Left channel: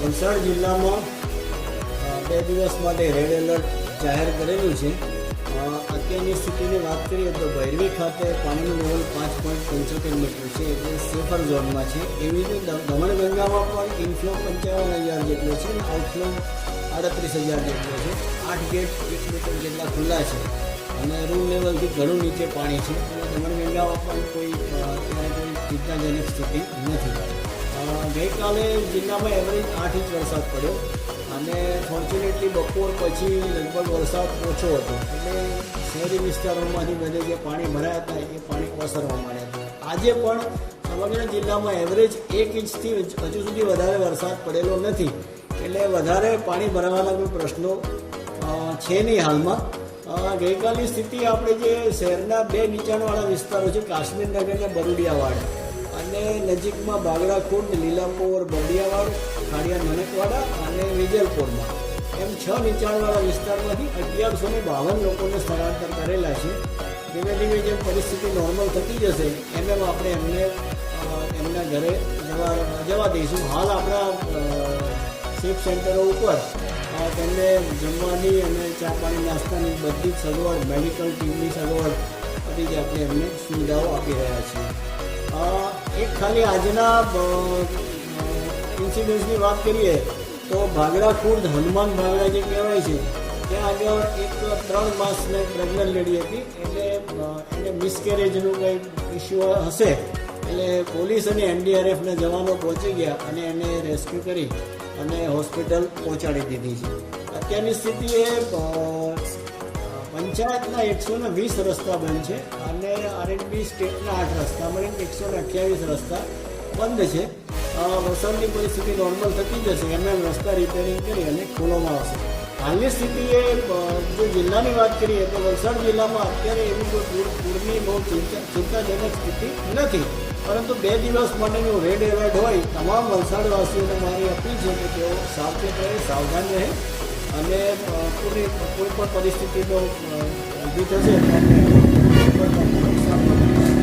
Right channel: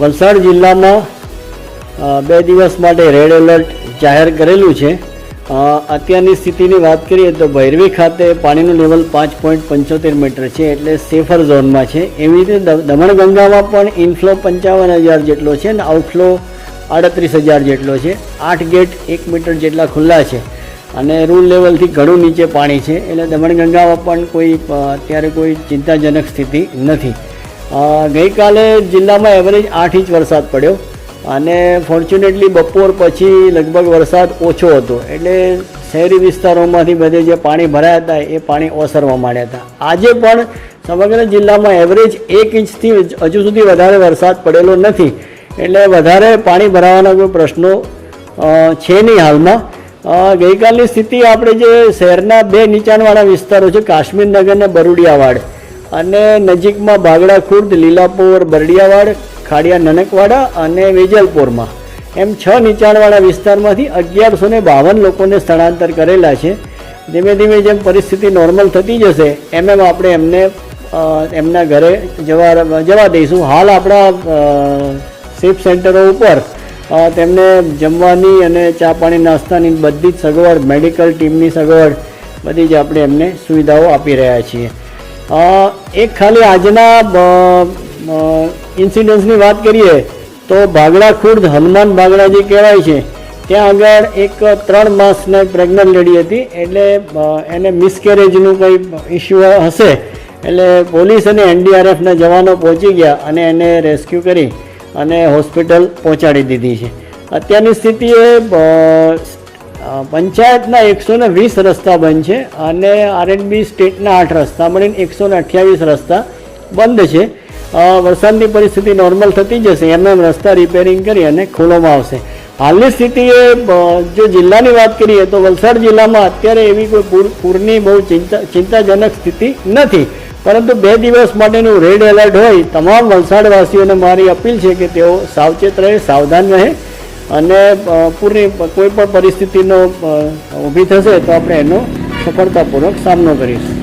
વલસાડ જિલ્લામાં 2 દિવસ માટે રેડ એલર્ટ જાહેર કરેલું છે। અત્યારની સ્થિતિની વાત કરીએ તો ભૈરવી ખાતે પાણીનું લેવલ 5.75 મીટર છે, એટલે સેફર ઝોનમાં છે। એવી રીતે દમણગંગામાં પણ ઇનફ્લો 55,000 જેટલો છે અને આઉટફ્લો 38,000 જેટલો છે। 8 ગેટ 1 મીટર જેટલા ખુલ્લા છે અને રૂલ લેવલથી ઘણું નીચે પાણી છે, એટલે દમણગંગામાં પણ અત્યારે કોઈ ચિંતાજનક સ્થિતિ નથી। ગઈકાલે જિલ્લામાં એવરેજ 8 ઇંચ વરસાદ પડ્યો અને ફોર્ચ્યુનેટલી બપોર પછી લગભગ વરસાદ ઓછો હતો, એટલે શહેરી વિસ્તારોમાંથી બધે જે પાણી ભરાયા હતા એ પાણી ઓસરવા માંડ્યા હતા। આજે પણ સમગ્ર જિલ્લામાં એવરેજ 1 ઇંચથી હજુ સુધી વધારે વરસાદ પડેલો નથી, એટલે વધારે પાણી ભરાવાના કોઈ પ્રશ્નો છે નહીં હાલમાં। ગઈકાલની સ્થિતિ આપણે જે શહેરના 2 નીચાણવાળા વિસ્તારો છે, કાશ્મીરનગર અને બરુડિયાવાડ, અને નજીકમાં ભાગડા ખુર્દ, લીલાપોર, બરડિયાવાડ, ખાડિયા નનકવાડા અને વેજલપોરમાં એમ 6 નીચાણવાળા વિસ્તારમાંથી 1152 લોકોને સ્થળાંતર કરેલા છે। ધીમે ધીમે જેમ પરિસ્થિતિ નોર્મલ થતી જશે એમ આપણે એમને એમના ઘરે જવા દઈશું। હાલ આપણા સેફ સેન્ટરો ઉપર તેમને જમવાની અને ચા પાણી નાસ્તાની બધી જ સગવડ, મેડિકલ ટીમની સગવડ બધી જ આપણે એમને સુવિધાઓ આપી રહ્યા છીએ। એક ખાલી આજના ઇન્સિડન્સની વાત કરીએ તો ભાગડા ખુર્દ હનુમાન ભાગડા જે કહેવાય છે ત્યાં આગળ એક 3 માસના પ્રેગ્નન્ટ લેડી હતી, એટલે એને મિસકેરેજનું કંઈ ઇસ્યુ હશે, એટલે પોલીસ અને NDRFના જવાનો પહોંચી ગયા અને એને રેસ્ક્યુ કરી અને હોસ્પિટલ પહોંચાડી દીધી છે। અત્યારની સ્થિતિએ પંચાયતના 120 રસ્તા બંધ છે અને R&B સ્ટેટના 8 રસ્તા મળીને 128 રસ્તા બંધ છે। વરસાદની પરિસ્થિતિ નોર્મલ થતી જશે એમ રસ્તા રિપેરિંગ કરી અને ખોલવામાં આવશે। હાલની સ્થિતિએ જો જિલ્લાની વાત કરીએ તો વલસાડ જિલ્લામાં અત્યારે એવી કોઈ પૂરની બહુ ચિંતાજનક સ્થિતિ નથી, પરંતુ 2 દિવસ માટેનું રેડ એલર્ટ હોય તમામ વલસાડવાસીઓને મારી અપીલ છે કે તેઓ સાવચેત રહે, સાવધાન રહે અને પૂરની કોઈ પણ પરિસ્થિતિનો ઊભી થશે તો આપણે એનો સફળતાપૂર્વક સામનો કરીશું।